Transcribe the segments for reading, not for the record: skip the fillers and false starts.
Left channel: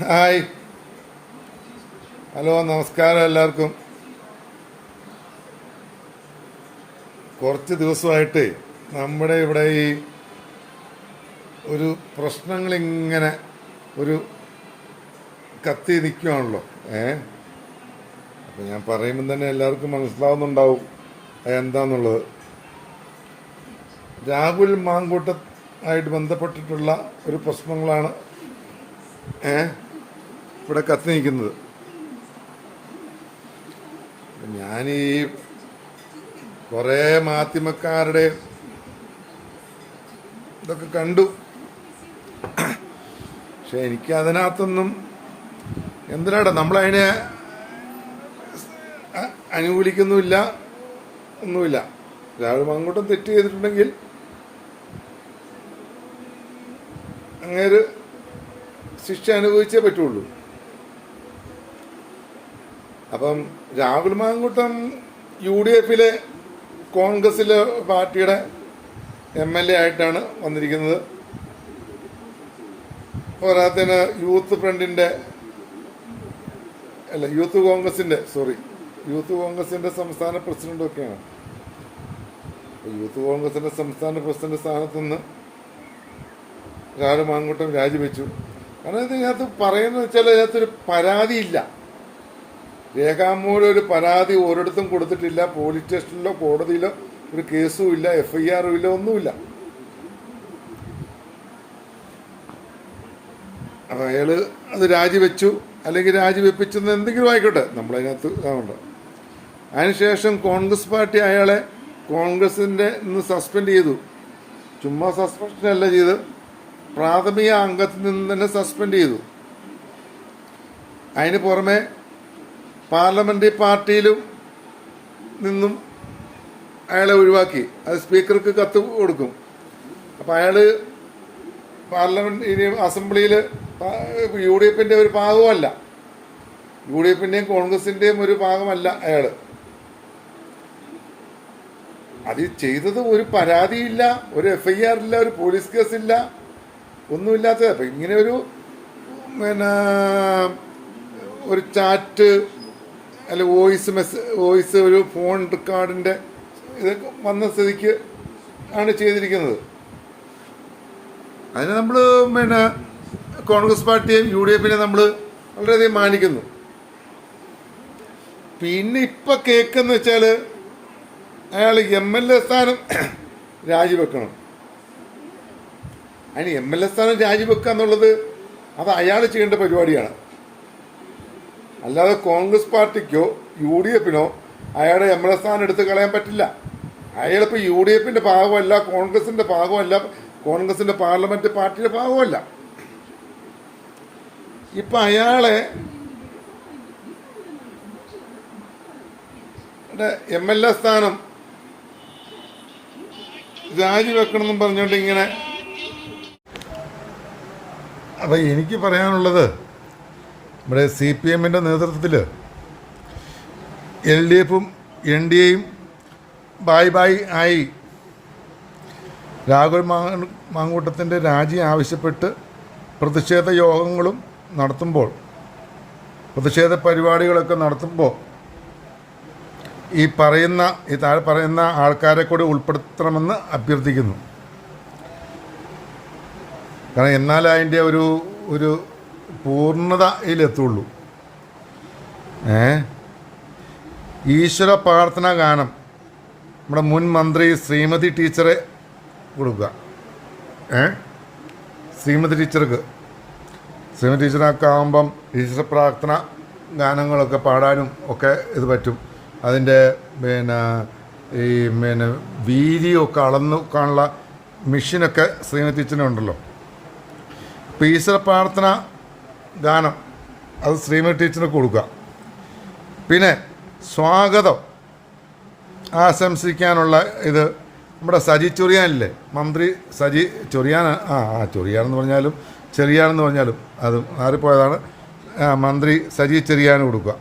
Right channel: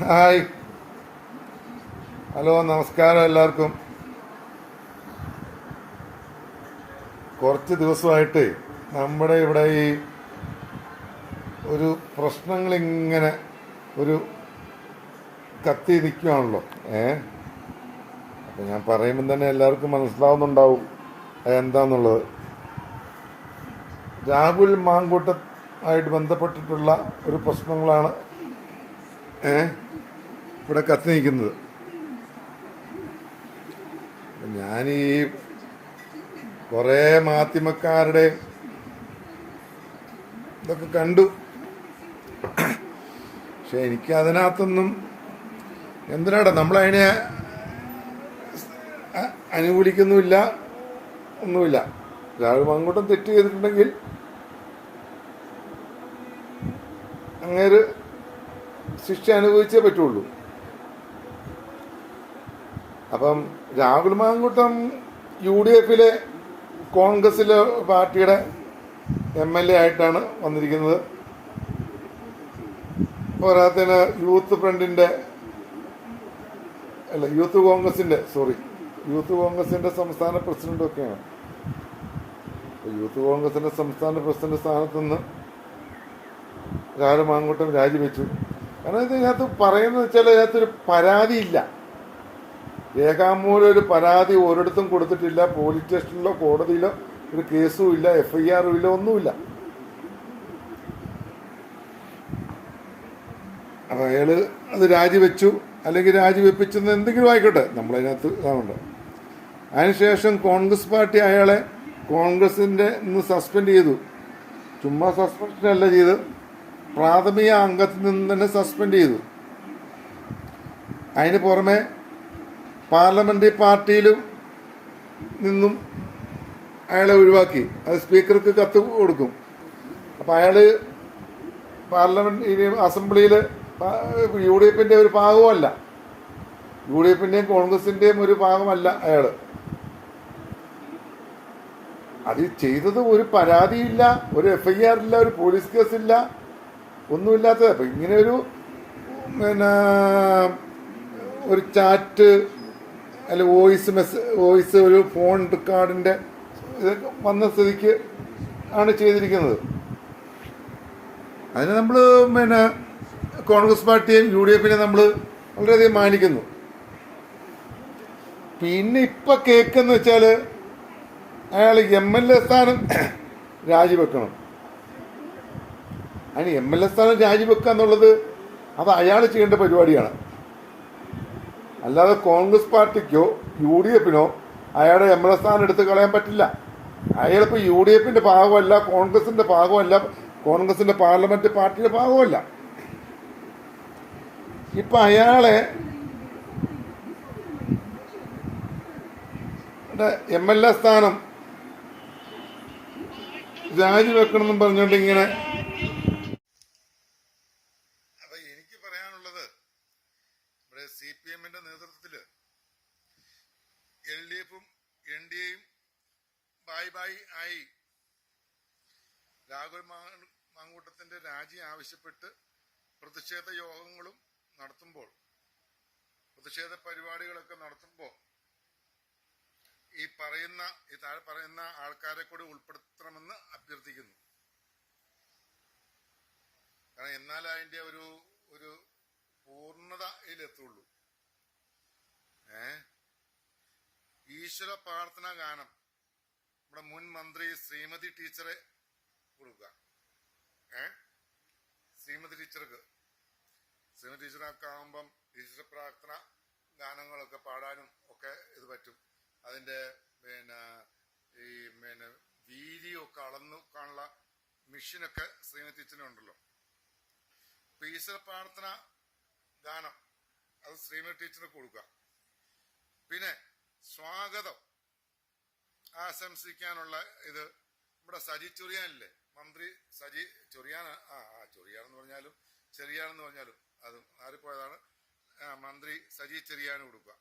Hi, hello, നമസ്കാരം എല്ലാവർക്കും. കുറച്ച് ദിവസമായിട്ട് നമ്മുടെ ഇവിടെ ഈ ഒരു പ്രശ്നങ്ങളിങ്ങനെ ഒരു കത്തി നിൽക്കുകയാണല്ലോ. അപ്പം ഞാൻ പറയുമ്പം തന്നെ എല്ലാവർക്കും മനസ്സിലാവുന്നുണ്ടാവും എന്താന്നുള്ളത്. രാഹുൽ മാങ്കൂട്ടമായിട്ട് ബന്ധപ്പെട്ടിട്ടുള്ള ഒരു പ്രശ്നങ്ങളാണ് ഇവിടെ കത്തി നിൽക്കുന്നത്. ഞാൻ ഈ കുറേ മാധ്യമക്കാരുടെ ഇതൊക്കെ കണ്ടു. പക്ഷെ എനിക്ക് അതിനകത്തൊന്നും എന്തിനാടാ നമ്മളതിനെ അനുകൂലിക്കുന്നുമില്ല, ഒന്നുമില്ല. രാഹുൽ മാങ്കൂട്ടം തെറ്റ് ചെയ്തിട്ടുണ്ടെങ്കിൽ അങ്ങേര് ശിക്ഷ അനുഭവിച്ചേ പറ്റുള്ളൂ. അപ്പം രാഹുൽ മാങ്കൂട്ടം UDF കോൺഗ്രസിലെ പാർട്ടിയുടെ MLA ആയിട്ടാണ് വന്നിരിക്കുന്നത്. പോരാത്തതിന് യൂത്ത് കോൺഗ്രസിന്റെ സംസ്ഥാന പ്രസിഡന്റ് ഒക്കെയാണ്. യൂത്ത് കോൺഗ്രസിന്റെ സംസ്ഥാന പ്രസിഡന്റ് സ്ഥാനത്ത് നിന്ന് രാഹുൽ മാങ്കൂട്ടം രാജിവെച്ചു. കാരണം ഇതിനകത്ത് പറയുന്നത് വെച്ചാൽ ഇതിനകത്തൊരു പരാതിയില്ല, രേഖാമൂലം ഒരു പരാതി ഒരിടത്തും കൊടുത്തിട്ടില്ല. പോലീസ് സ്റ്റേഷനിലോ കോടതിയിലോ ഒരു കേസും ഇല്ല, FIR ഇല്ല, ഒന്നുമില്ല. അപ്പൊ അയാള് അത് രാജിവെച്ചു, അല്ലെങ്കിൽ രാജിവെപ്പിച്ചെന്ന് എന്തെങ്കിലും ആയിക്കോട്ടെ, നമ്മളതിനകത്ത് ഇതാവണ്ട. അതിനുശേഷം കോൺഗ്രസ് പാർട്ടി അയാളെ കോൺഗ്രസിന്റെ നിന്ന് സസ്പെൻഡ് ചെയ്തു. ചുമ്മാ സസ്പെൻഷനല്ല ചെയ്ത്, പ്രാഥമിക അംഗത്തിൽ നിന്ന് തന്നെ സസ്പെൻഡ് ചെയ്തു. അതിന് പുറമെ പാർലമെന്ററി പാർട്ടിയിലും നിന്നും അയാളെ ഒഴിവാക്കി. അത് സ്പീക്കർക്ക് കത്ത് കൊടുക്കും. അപ്പൊ അയാള് പാർലമെന്റ് അസംബ്ലിയില് UDF ഒരു ഭാഗമല്ല, UDF കോൺഗ്രസിന്റെയും ഒരു ഭാഗമല്ല അയാള്. അത് ചെയ്തത് ഒരു പരാതിയില്ല, ഒരു FIR ഇല്ല, ഒരു പോലീസ് കേസില്ല, ഒന്നുമില്ലാത്ത. അപ്പൊ ഇങ്ങനെ ഒരു ചാറ്റ് അല്ലെ വോയിസ് ഒരു ഫോൺ റെക്കോർഡിന്റെ ഇതൊക്കെ വന്ന സ്ഥിതിക്ക് ആണ് ചെയ്തിരിക്കുന്നത്. അതിന് നമ്മള് കോൺഗ്രസ് പാർട്ടിയും UDF നമ്മൾ വളരെയധികം മാനിക്കുന്നു. പിന്നെ ഇപ്പൊ കേക്കെന്ന് വെച്ചാല് അയാൾ MLA സ്ഥാനം രാജിവെക്കണം. അതിന് MLA സ്ഥാനം രാജിവെക്കുക എന്നുള്ളത് അത് അയാൾ ചെയ്യേണ്ട പരിപാടിയാണ്. അല്ലാതെ കോൺഗ്രസ് പാർട്ടിക്കോ UDF അയാളുടെ MLA സ്ഥാനം എടുത്ത് കളയാൻ പറ്റില്ല. അയാളിപ്പോ UDF ഭാഗമല്ല, കോൺഗ്രസിന്റെ ഭാഗമല്ല, കോൺഗ്രസിന്റെ പാർലമെന്റ് പാർട്ടിയുടെ ഭാഗമല്ല. ഇപ്പൊ അയാളെ MLA സ്ഥാനം രാജിവെക്കണമെന്നും പറഞ്ഞുകൊണ്ട് ഇങ്ങനെ. അപ്പൊ എനിക്ക് പറയാനുള്ളത്, ഇവിടെ CPM നേതൃത്വത്തിൽ LDF NDA ബായ് ആയി രാഹുൽ മാങ്കൂട്ടത്തിൻ്റെ രാജി ആവശ്യപ്പെട്ട് പ്രതിഷേധ യോഗങ്ങളും നടത്തുമ്പോൾ, പ്രതിഷേധ പരിപാടികളൊക്കെ നടത്തുമ്പോൾ ഈ താഴെ പറയുന്ന ആൾക്കാരെ കൂടി ഉൾപ്പെടുത്തണമെന്ന് അഭ്യർത്ഥിക്കുന്നു. കാരണം എന്നാലേ അതിൻ്റെ ഒരു പൂർണ്ണതയിലെത്തുള്ളൂ. ഈശ്വര പ്രാർത്ഥനാ ഗാനം നമ്മുടെ മുൻ മന്ത്രി ശ്രീമതി ടീച്ചറെ കൊടുക്കുക. ശ്രീമതി ടീച്ചറൊക്കെ ആകുമ്പം ഈശ്വര പ്രാർത്ഥന ഗാനങ്ങളൊക്കെ പാടാനും ഒക്കെ ഇത് പറ്റും. അതിൻ്റെ ഈ വീതിയോ ഒക്കെ അളന്നു കാണുള്ള മെഷീനൊക്കെ ശ്രീമതി ടീച്ചറിനുണ്ടല്ലോ. അപ്പോൾ ഈശ്വര പ്രാർത്ഥന ഗാനം അത് ശ്രീമതി ടീച്ചറിന് കൊടുക്കുക. പിന്നെ സ്വാഗതം ആശംസിക്കാനുള്ള ഇത് നമ്മുടെ സജി ചൊറിയാനില്ലേ, മന്ത്രി സജി ചൊറിയാൻ, ചൊറിയാനെന്ന് പറഞ്ഞാലും ചെറിയാനെന്ന് പറഞ്ഞാലും അത് മാറിപ്പോയതാണ്. മന്ത്രി സജി ചെറിയാന് കൊടുക്കുക.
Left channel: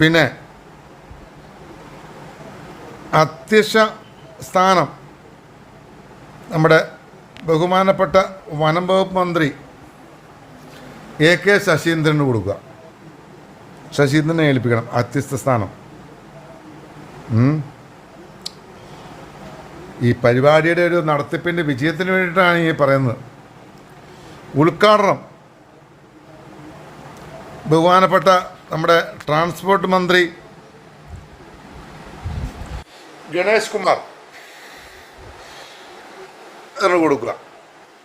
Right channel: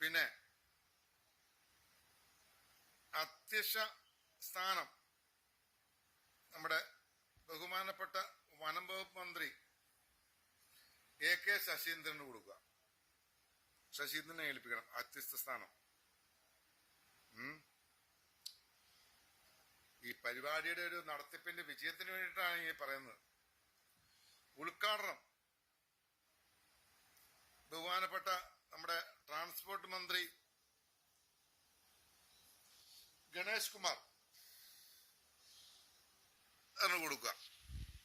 പിന്നെ അധ്യക്ഷ സ്ഥാനം നമ്മുടെ ബഹുമാനപ്പെട്ട വനം വകുപ്പ് മന്ത്രി AK ശശീന്ദ്രന് കൊടുക്കുക. ശശീന്ദ്രനെ ഏൽപ്പിക്കണം അധ്യസ്ഥ സ്ഥാനം. ഈ പരിപാടിയുടെ ഒരു നടത്തിപ്പിൻ്റെ വിജയത്തിന് വേണ്ടിയിട്ടാണ് ഈ പറയുന്നത്. ഉദ്ഘാടനം ബഹുമാനപ്പെട്ട നമ്മുടെ ട്രാൻസ്പോർട്ട് മന്ത്രി ഗണേഷ് കുമാർ കൊടുക്കുക.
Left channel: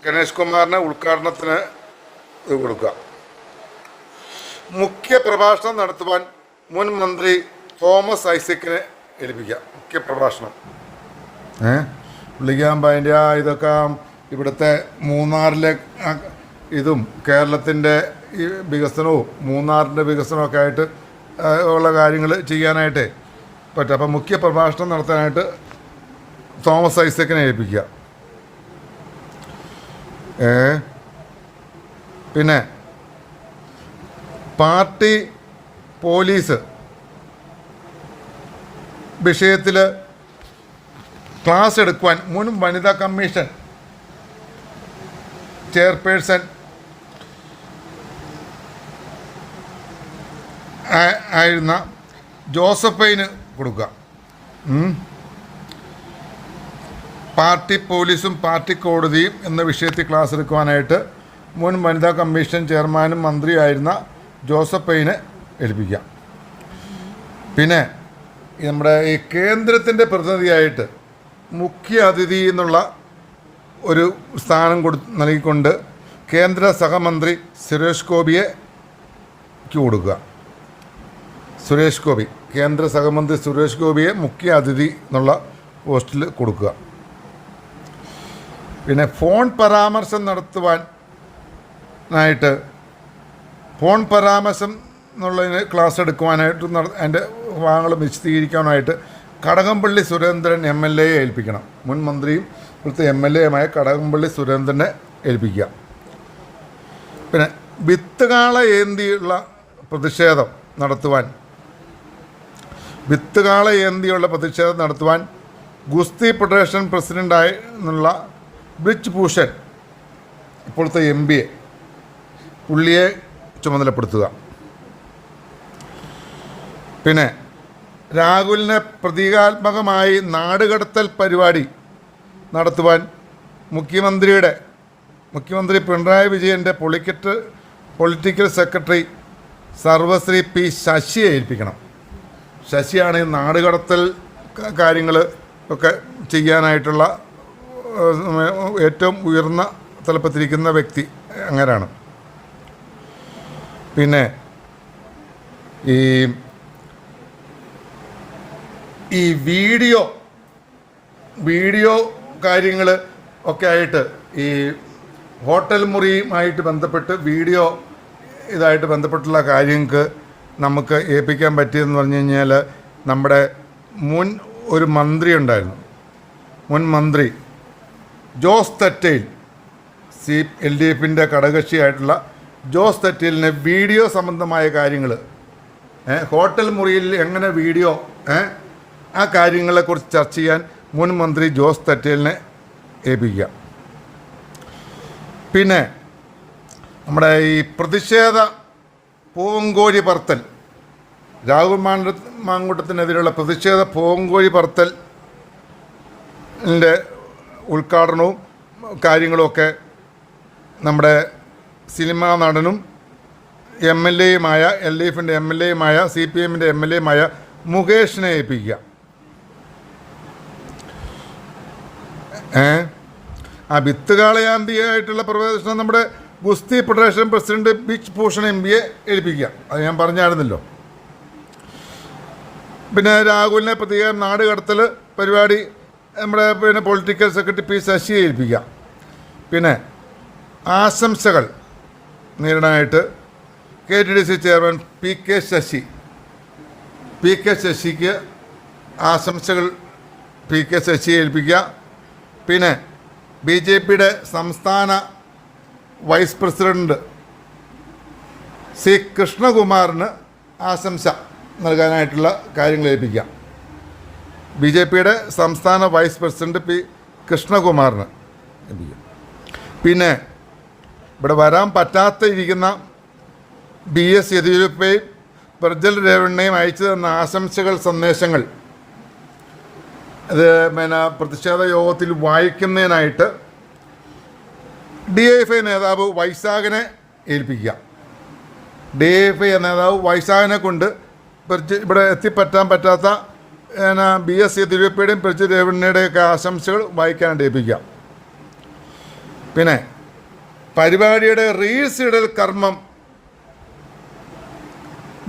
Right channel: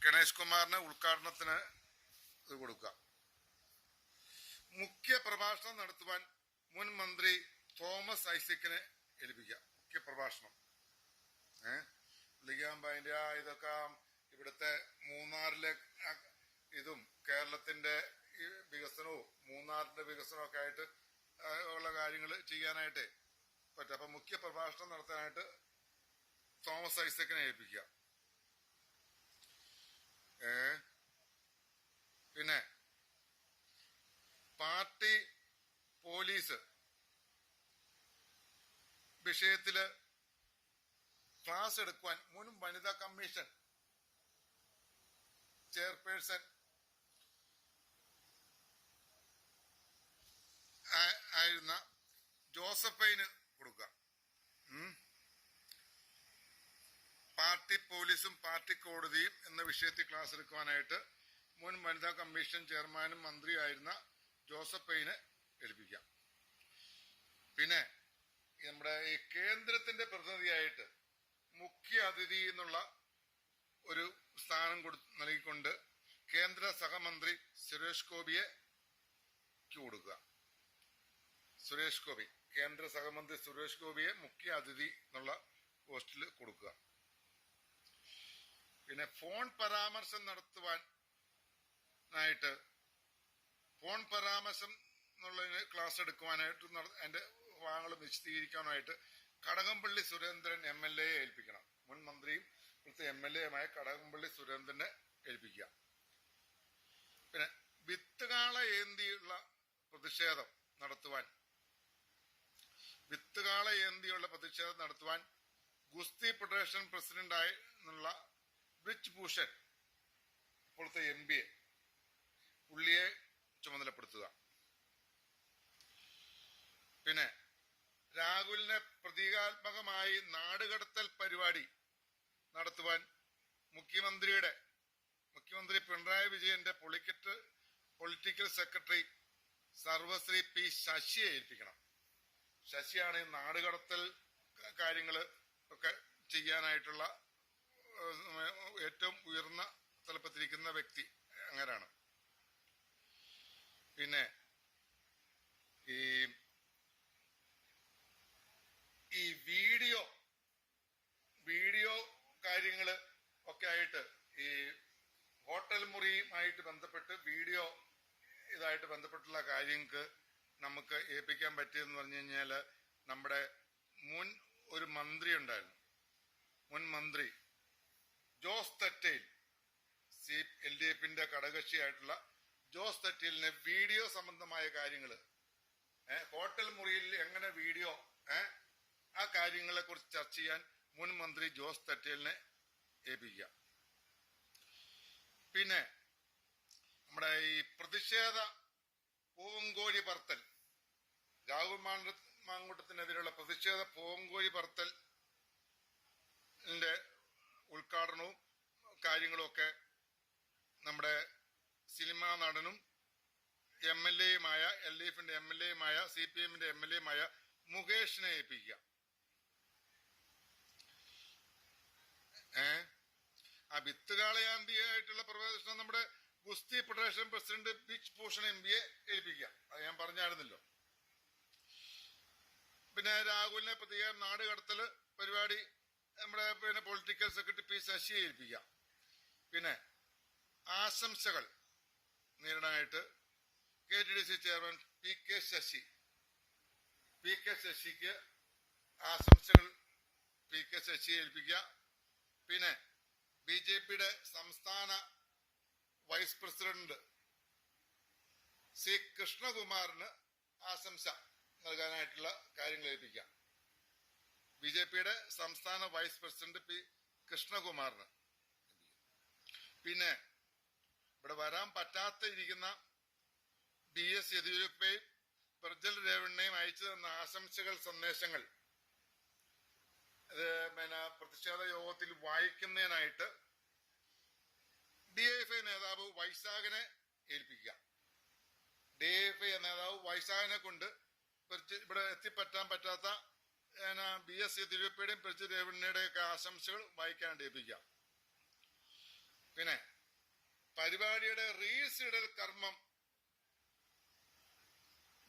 ഗണേഷ് കുമാറിന് ഉദ്ഘാടനത്തിന് ഇത് കൊടുക്കുക. മുഖ്യ പ്രഭാഷണം നടത്തുവാൻ മുൻ മന്ത്രി തോമസ് ഐസക്കിനെ ഏൽപ്പിക്കുക. മുഖ്യ പ്രഭാഷണം പുള്ളിക്കാകുമ്പോൾ അതിൻ്റെ ഇതൊക്കെ ഇവിടുത്തെ മൂന്നാറിലെ ഇതും കേരളത്തിൻ്റെ ഈ വികസനവും മൂന്നാറിൻ്റെ വികസനമൊക്കെ ആയിട്ട് ഉള്ള കാര്യങ്ങൾ ചെയ്യാനായിട്ടേ പറ്റും. അപ്പം മുഖ്യ പ്രഭാഷണം നടത്താനായിട്ട് തോമസ് ഐസക്കിനെ ഏൽപ്പിക്കുക. പിന്നെ പാർട്ടി പോലീസ് വിഷയത്തിൽ ക്ലാസ് എടുക്കുവാൻ മുൻ വനിതാ കമ്മീഷൻ ചെയർപേഴ്സൺ ആയിരുന്ന ജോസഫൈന് കൊടുക്കുക. പാർട്ടി പോലീസും പാർട്ടി കോടതിയും എന്ന വിഷയത്തിൽ ക്ലാസ് എടുക്കുവാനായിട്ട് മുൻ വനിതാ കമ്മീഷൻ ചെയർമാനും മന്ത്രിയായിരുന്ന ജോസഫൈനെ ഏൽപ്പിക്കാം. പിന്നെ നമ്മുടെ ഈ കേന്ദ്രത്തിൻ്റെ പ്രതിനിധിയായിട്ട് മുഖ്യ അതിഥി എന്നുള്ള ഒരു സ്ഥാനം നൽകിക്കൊണ്ട് കേന്ദ്ര സഹമന്ത്രി സുരേഷ് ഗോപിക്ക് കൊടുക്കുക. സുരേഷ് ഗോപി, കേന്ദ്ര സഹമന്ത്രി സുരേഷ് ഗോപിയെ മുഖ്യ അതിഥി എന്നുള്ള പോസ്റ്റിൽ കൊടുക്കുക. പിന്നെ ഫോൺ പരാമർശം നടത്തുവാനായിട്ട് ഫോൺ പരാമർശം എന്നുള്ളതിന് ക്ലാസ് എടുക്കുവാനായിട്ട് അതിൻ്റെ ഭാഗങ്ങൾ വിശദീകരിക്കാനായിട്ട് കടകംപള്ളി സുരേന്ദ്രൻ MLA ഏൽപ്പിക്കണം. മുൻ മന്ത്രിയും ഇവിടുത്തെ MLA കടകംപള്ളി സുരേന്ദ്രനെ ഏൽപ്പിക്കുക. പിന്നെ വിത്തുകാള ഏന്തിയുള്ള പ്രതിഷേധം നടത്തുവാൻ ഗുസ്തി ഫെഡറേഷൻ പ്രസിഡൻ്റായി എന്നുള്ള ബ്രിജ് ഭൂഷൺ ഇപ്പോഴത്തെ MBA പുള്ളിയെ ചുമതലപ്പെടുത്തുക. പിന്നെ രാഹുലിനെ പ്രതീകാത്മകമായി നാടുകടത്തൽ പരിപാടി നടത്തുവാൻ മുഖ്യമന്ത്രി പിണറായി വിജയൻ്റെ പൊളിറ്റിക്കൽ സെക്രട്ടറി സർവശ്രീ P ശശിയെ ഏൽപ്പിക്കണം. ശശിയാണ് ഈ നാടുകടത്തൽ കാര്യങ്ങൾ ഒക്കെ ചെയ്യാനായിട്ടുള്ള ഏറ്റവും ഉയർന്ന തലപ്പത്തിരിക്കുന്ന വ്യക്തി അങ്ങനെയാണ്. പിന്നെ ഈ വീഡിയോ കാര്യങ്ങൾ ഒക്കെ ആയിട്ട് ഈ ഹോട്ടൽ മുറിയുമായിട്ട് ബന്ധപ്പെട്ട് ഇതായിട്ട് ബന്ധപ്പെട്ടുള്ള കാര്യങ്ങൾക്ക് നമുക്ക് ഏൽപ്പിക്കാൻ പറ്റിയതെന്ന് പറഞ്ഞു കഴിഞ്ഞാൽ നമ്മുടെ ഒരു മന്ത്രി ഉണ്ടായിരുന്നു. മുൻ മന്ത്രി ജോസ് തെറ്റയിൽ LDFിൻ്റെ ഘടകകക്ഷിയായിട്ടുള്ള ജോസ് തെറ്റയിലിനെ വീഡിയോ സംബന്ധമായ കാര്യങ്ങൾ ഹോട്ടൽ മുറിയിൽ എങ്ങനെ വീഡിയോ ആ കാര്യങ്ങളെക്കുറിച്ച് ചർച്ച ചെയ്യാൻ മുൻ മന്ത്രി ജോസ് തെറ്റയിലിനെ ഏൽപ്പിക്കുക. പിന്നെ നമ്മുടെ ഈ പ്രതിഷേധ പൂവങ്കോഴി പറത്തൽ രാഹുൽ മാങ്കൂട്ടത്തിനെതിരെയുള്ള പ്രതിഷേധ പൂവങ്കോഴി പറത്തലിൻ്റെ ഉദ്ഘാടനവും കാര്യങ്ങളുമൊക്കെ നമ്മുടെ സിനിമാ നടനും MLAയുമായ LDFിൻ്റെ MLAയുമായ CPMൻ്റെ MLAയുമായ മുകേഷിനെ ഏൽപ്പിക്കുക. ആ വിത്തുകാളയാന്തിയായിട്ടുള്ള പ്രവേശനം നമ്മുടെ ഗുസ്തി ഫെഡറേഷൻ പ്രസിഡന്റ് ബ്രിജ് ഭൂഷൺ MBയെ ഏൽപ്പിക്കുക. അത് ഞാൻ പറഞ്ഞായിരുന്നല്ലോ. പിന്നെ രാഹുലിനെ പ്രത്യേകം നാട് കടത്തൽ പരിപാടി നമ്മുടെ പൊളിറ്റിക്കൽ സെക്രട്ടറി P ശശിയെ ഏൽപ്പിക്കുക. പിന്നെ ആശംസകൾ നേരിടാനായിട്ട് KTDC ചെയർമാൻ PK ശശിക്ക് ആശംസകൾ PK ശശിയെ ഏൽപ്പിക്കുക. പിന്നെ BJPയുടെ സംസ്ഥാന വൈസ് പ്രസിഡന്റ് C കൃഷ്ണകുമാറിന് ആശംസ നൽകാനായിട്ടുള്ള കാര്യങ്ങൾ ഏൽപ്പിക്കാം. BJPയുടെ സംസ്ഥാന വൈസ് പ്രസിഡന്റ് P കൃഷ്ണകുമാറിന് ഏൽപ്പിക്കാം. പിന്നെ ഇവിടെ വരാൻ പറ്റാത്ത ഇരിക്കുന്ന BS യെദ്യൂരപ്പയും പ്രജ്വൽ രേവണ്ണയും അയച്ചു തന്ന ആശംസകൾ സന്ദേശങ്ങൾ ഇത് പ്രതിഷേധ യോഗത്തിൽ വായിക്കുന്നതിനായിട്ട് DIFI നേതാവ് വൈശാഖിനെ ഏൽപ്പിക്കുക. DIFI നേതാവ് വൈശാഖിനെ കൊണ്ട് ഇവിടെ എത്തിപ്പറ്റാൻ പറ്റാത്ത BS യെദ്യൂരപ്പയുടെയും പ്രജ്വൽ രേവണ്ണയുടെയൊക്കെ ആശംസകൾ വായിക്കാനായിട്ട് ഏൽപ്പിക്കുക. പിന്നെ പരിപാടിയുടെ റീൽസ് ഇടൽ കർമ്മം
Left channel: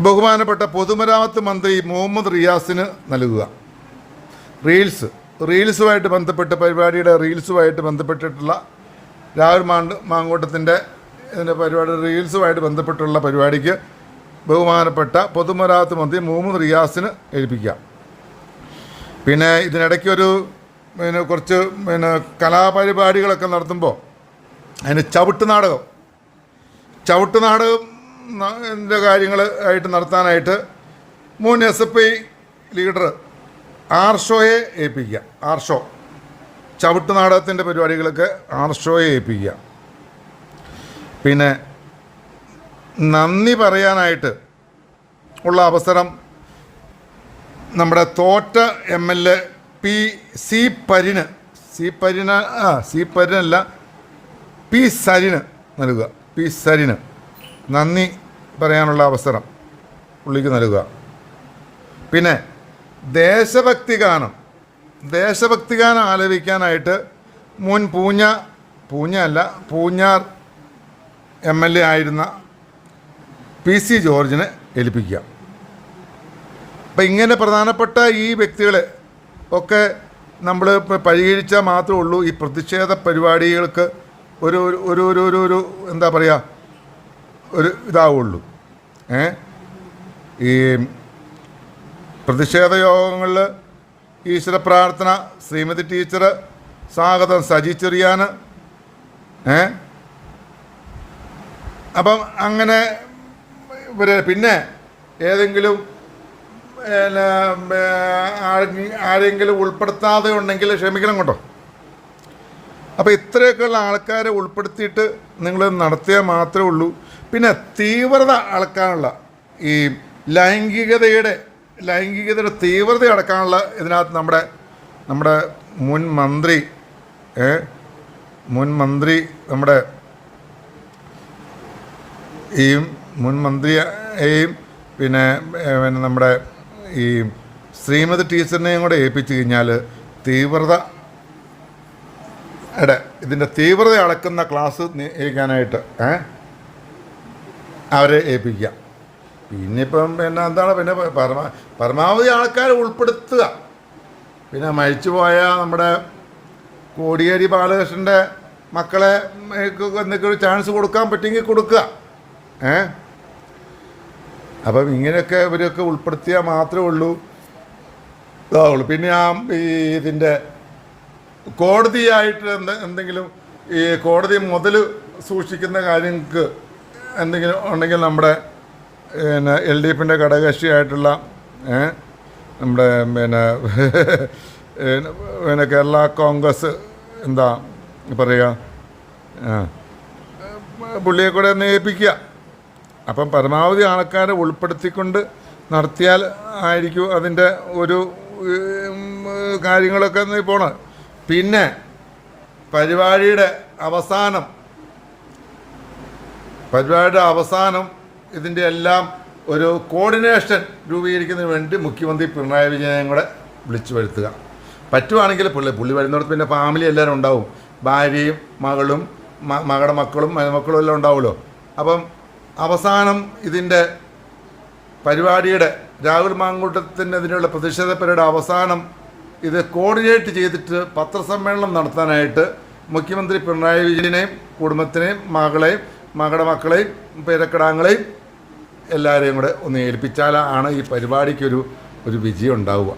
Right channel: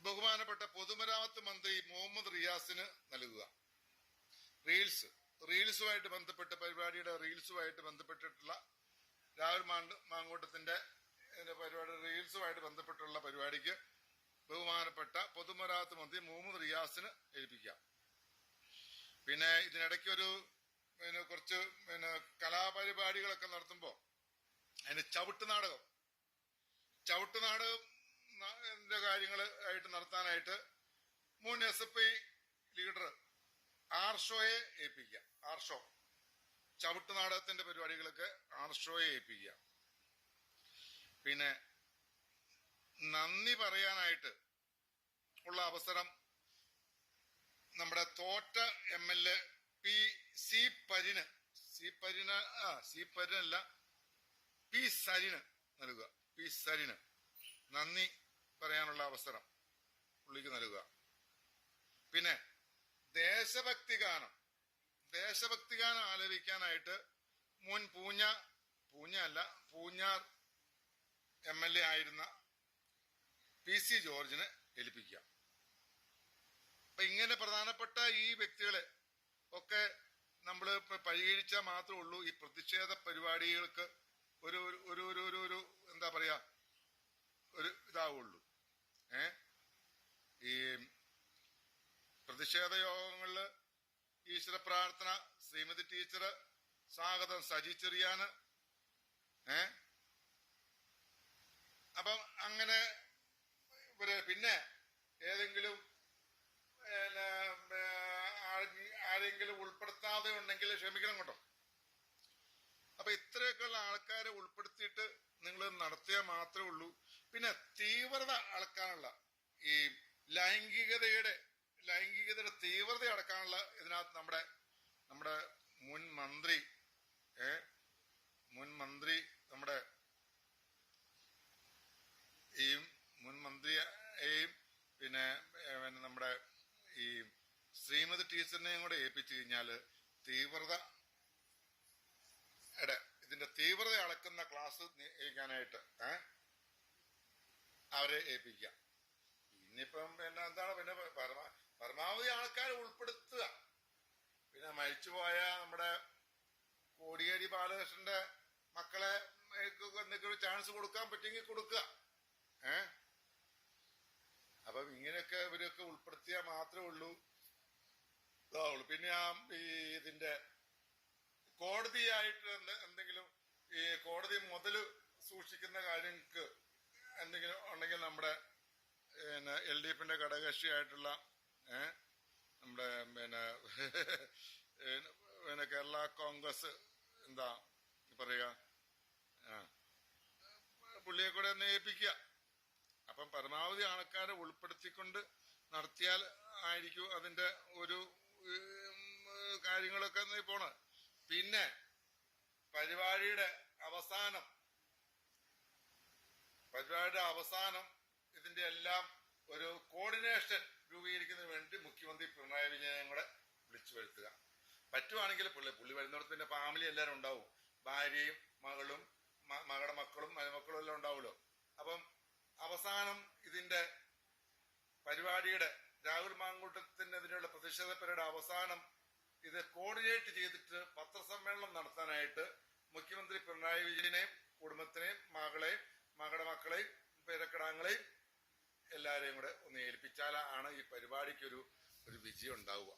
ബഹുമാനപ്പെട്ട പൊതുമരാമത്ത് മന്ത്രി മുഹമ്മദ് റിയാസിന് നൽകുക. റീൽസുമായിട്ട് ബന്ധപ്പെട്ട് പരിപാടിയുടെ റീൽസുമായിട്ട് ബന്ധപ്പെട്ടിട്ടുള്ള രാഹുൽ മാങ്കൂട്ടത്തിൻ്റെ ഇതിൻ്റെ പരിപാടി റീൽസുമായിട്ട് ബന്ധപ്പെട്ടുള്ള പരിപാടിക്ക് ബഹുമാനപ്പെട്ട പൊതുമരാമത്ത് മന്ത്രി മുഹമ്മദ് റിയാസിന് ഏൽപ്പിക്കുക. പിന്നെ ഇതിനിടയ്ക്കൊരു കുറച്ച് കലാപരിപാടികളൊക്കെ നടത്തുമ്പോൾ അതിന് ചവിട്ട് നാടകം കാര്യങ്ങൾ ആയിട്ട് നടത്താനായിട്ട് മുൻ SFI ലീഡർ ആർഷോയെ ഏൽപ്പിക്കുക. ആർഷോ ചവിട്ട് നാടകത്തിൻ്റെ പരിപാടികളൊക്കെ ആർഷോയെ ഏൽപ്പിക്കുക. പിന്നെ നന്ദി പറയാനായിട്ട് ഉള്ള അവസരം നമ്മുടെ തോറ്റ MLA സി സരിന് നൽകുക. സരിന് നന്ദി പറയാനുള്ള അവസരം പുള്ളിക്ക് നൽകുക. പിന്നെ ദേശഭക്തി ഗാനം ആലപിക്കാനായിട്ട് മുൻ പൂഞ്ഞാർ MLA ആയിരുന്ന PC ജോർജിനെ ഏൽപ്പിക്കുക. അപ്പം ഇങ്ങനെ പ്രധാനപ്പെട്ട ഈ വ്യക്തികളെ ഒക്കെ നമ്മൾ പരിഹരിച്ചാൽ മാത്രമേ ഉള്ളൂ ഈ പ്രതിഷേധ പരിപാടികൾക്ക് ഒരു ഒരു ഒരു ഒരു ഒരു എന്താ പറയുക ഒരു ഇതാവുള്ളൂ. ഈ പ്രതിഷേധ യോഗങ്ങളിൽ ഈശ്വര പ്രാർത്ഥന, ശ്രീമതി ടീച്ചർ, സ്വാഗതം സജി ചെറിയാൻ, അപ്പം അങ്ങനെ പിന്നെ ഏതെങ്കിലും ആരെങ്കിലും ഉൾപ്പെടുത്താതെ ഉണ്ടെങ്കിൽ ക്ഷമിക്കണം കേട്ടോ. അപ്പോൾ ഇത്രയൊക്കെയുള്ള ആൾക്കാരെ ഉൾപ്പെടുത്തിയിട്ട് നിങ്ങൾ നടത്തിയാൽ മാത്രമേ ഉള്ളൂ. പിന്നെ തീവ്രത അളക്കാനുള്ള ഈ ലൈംഗികതയുടെ തീവ്രത അടക്കാനുള്ള ഇതിനകത്ത് നമ്മുടെ മുൻ മന്ത്രി നമ്മുടെ മുൻ മന്ത്രിയെയും പിന്നെ നമ്മുടെ ഈ ശ്രീമതി ടീച്ചറിനെയും കൂടെ ഏൽപ്പിച്ചു കഴിഞ്ഞാൽ ഇതിൻ്റെ തീവ്രത അളക്കുന്ന ക്ലാസ് ഏൽക്കാനായിട്ട് അവരെ ഏൽപ്പിക്കുക. പിന്നെ എന്താണ് പരമാവധി ആൾക്കാരെ ഉൾപ്പെടുത്തുക. പിന്നെ മരിച്ചുപോയ നമ്മുടെ കോടിയേരി ബാലകൃഷ്ണൻ്റെ മക്കളെ എന്തൊക്കെ ഒരു ചാൻസ് കൊടുക്കാൻ പറ്റുമെങ്കിൽ കൊടുക്കുക. അപ്പം ഇങ്ങനെയൊക്കെ ഇവരൊക്കെ ഉൾപ്പെടുത്തിയാൽ മാത്രമേ ഉള്ളൂ ഇതാവുള്ളൂ. പിന്നെ ഇതിൻ്റെ കോടതിയായിട്ട് എന്തെങ്കിലും ഈ കോടതി മുതൽ സൂക്ഷിക്കുന്ന കാര്യങ്ങൾക്ക് എന്തെങ്കിലും ഉണ്ടെങ്കിൽ നമ്മുടെ LDFിൻ്റെ ഘടകകക്ഷിയായിട്ടുള്ള നമ്മുടെ കേരള കോൺഗ്രസ് എന്താ പറയുക പുള്ളിയെ കൂടെ ഒന്ന് ഏൽപ്പിക്കുക. അപ്പം പരമാവധി ആൾക്കാരെ ഉൾപ്പെടുത്തിക്കൊണ്ട് നടത്തിയാൽ ആയിരിക്കും അതിൻ്റെ ഒരു കാര്യങ്ങളൊക്കെ പോണത്. പിന്നെ പരിപാടിയുടെ അവസാനം ഇതിൻ്റെ എല്ലാം ഒരു കോർഡിനേഷൻ രൂപീകരിക്കുന്നതിന് വേണ്ടി മുഖ്യമന്ത്രി പിണറായി വിജയനെ കൂടെ വിളിച്ചു വരുത്തുക. പറ്റുവാണെങ്കിൽ പുള്ളി വരുന്നിടത്ത് പിന്നെ ഫാമിലി എല്ലാവരും ഉണ്ടാവും. ഭാര്യയും മകളും മകളുടെ മക്കളും മരുമക്കളും എല്ലാം ഉണ്ടാവുമല്ലോ. അപ്പം അവസാനം ഇതിൻ്റെ പരിപാടിയുടെ രാഹുൽ മാങ്കൂട്ടത്തിൻ്റെ ഇതിനുള്ള പ്രതിഷേധ പരിപാടിയുടെ അവസാനം ഇത് കോർഡിനേറ്റ് ചെയ്തിട്ട് പത്രസമ്മേളനം നടത്താനായിട്ട് മുഖ്യമന്ത്രി പിണറായി വിജയനെയും കുടുംബത്തിനെയും മകളുടെ മക്കളെയും പേരക്കിടാങ്ങളെയും എല്ലാവരെയും കൂടെ ഒന്ന് ഏൽപ്പിച്ചാലാണ് ഈ പരിപാടിക്കൊരു വിജയം ഉണ്ടാവുക.